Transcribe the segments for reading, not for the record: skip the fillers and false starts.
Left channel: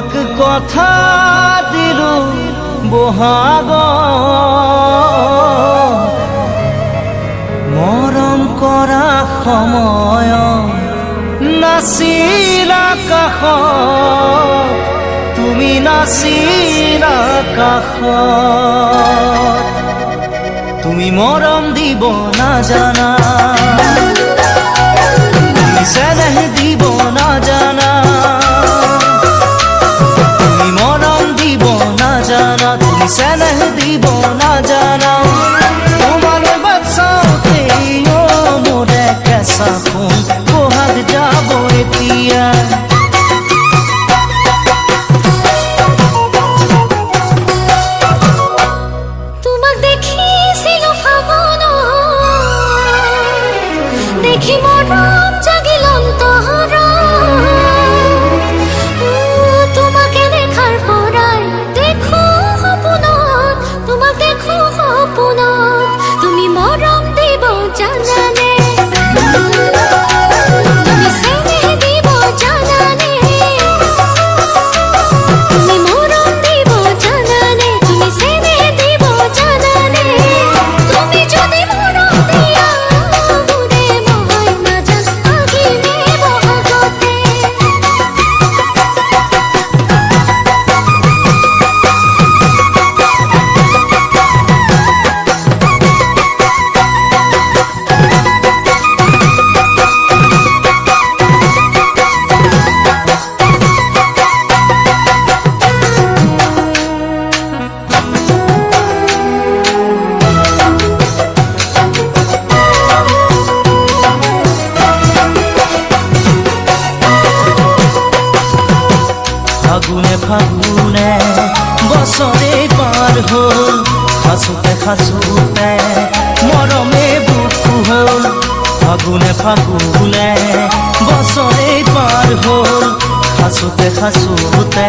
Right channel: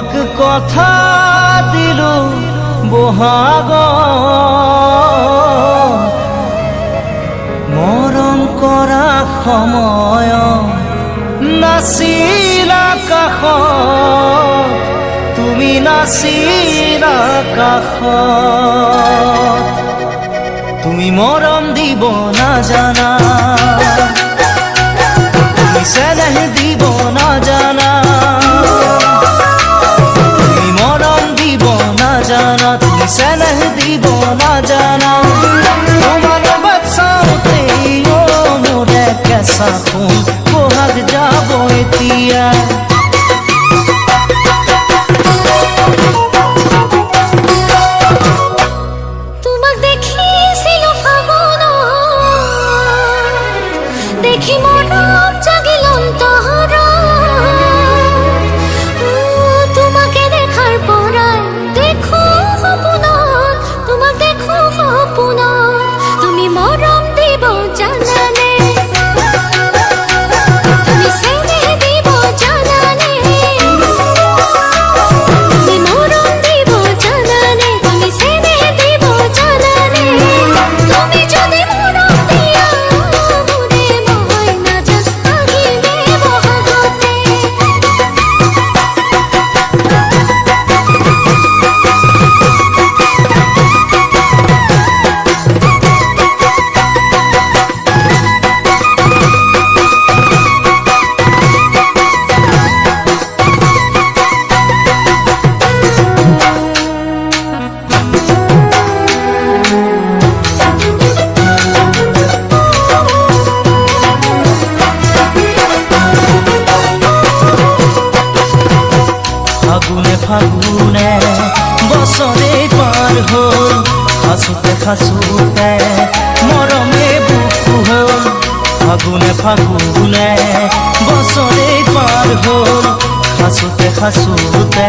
তোমাক কথা দিলো বহাগ মৰম কৰা সময় নাছিলা কাষত তুমি নাছিলা কাষত তুমি মৰম দিব নাজানা তুমি চেনেহ দিব নাজানা তুমি মৰম দিব নাজানা তুমি চেনেহ দিব নাজানা তোমালৈ বাচাওতে মোৰে কেঁচা সোণ বহাগ যাব এতিয়া তোমাক দেখিছিলো ফাগুন দেখি মৰম জাগিল অন্তৰত তোমাকে দেখাৰ পৰাই দেখো সপোনত তোমাক দেখো সপোনত তুমি মৰম দিব জানানে তুমি চেনেহ দিব জানানে তুমি মৰম দিব জানানে তুমি চেনেহ দিব জানানে তুমি যদি মৰম দিয়া মোৰে মই নাজান আহিমে বহাগতে ফাগুনে ফাগুনে বছৰে পাৰ হ'ল খাচোতে খাচোতে মৰমে বুকু হ'ল ফাগুনে ফাগুনে বছৰে পাৰ হ'ল খাচোতে খাচোতে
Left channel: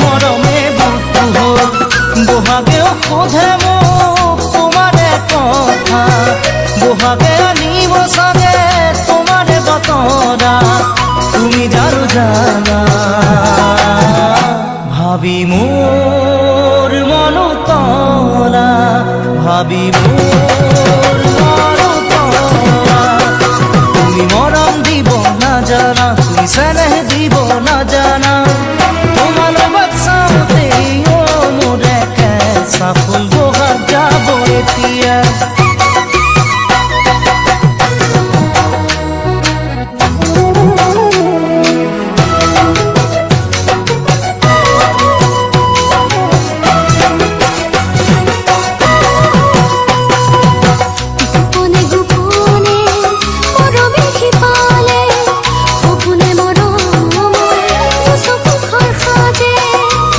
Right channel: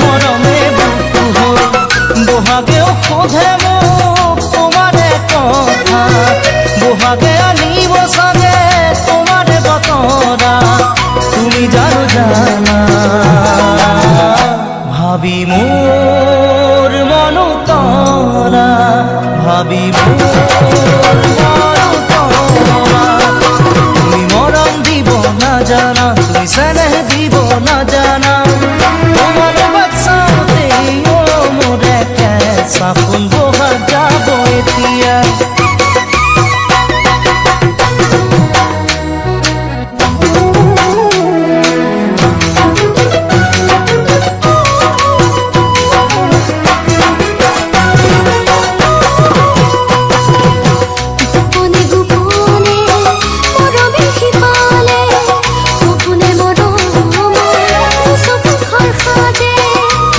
মৰমে বুকু হ'ল বহাগেও সোধে মোক তোমাৰে কথা বহাগে আনিব চাগে তোমাৰে বতৰা তুমি জানো জানা ভাবি মোৰ মনো তলা ভাবি মোৰ মনো তলা তুমি মৰম দিব নাজানা তুমি চেনেহ দিব নাজানা তোমালৈ বাচাওতে মোৰে কেঁচা সোণ বহাগ যাব এতিয়া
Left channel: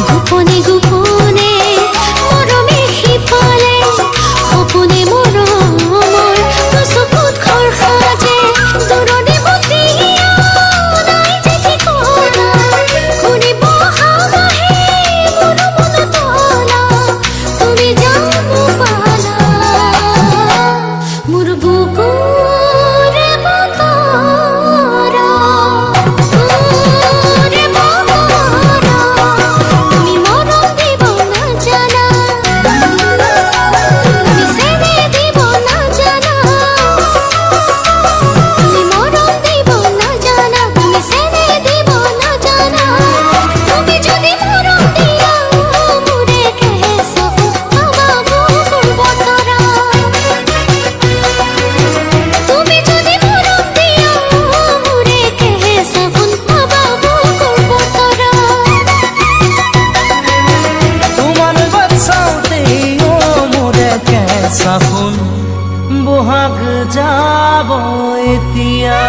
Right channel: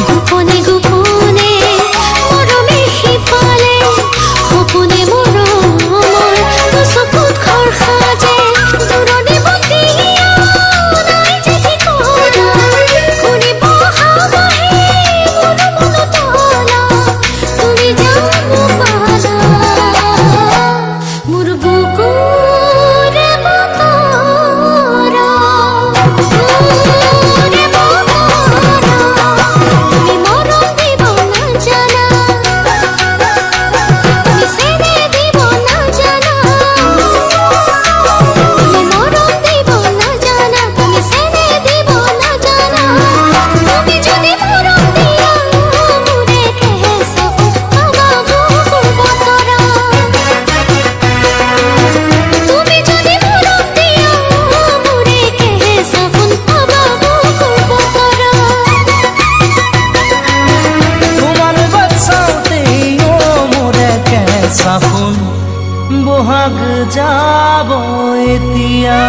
গোপনে গোপনে মৰমে শিপালে সপোনে মৰমৰ চকুত ঘৰ সাজে দূৰণি বতিয়া নাই যে ঠিকনা ঘূৰি বহাগ আহে মোৰ মন তলা তুমি জানো পালা মোৰ বুকুৰে বতৰা কেঁচা সোণ বহাগ যাব এতিয়া।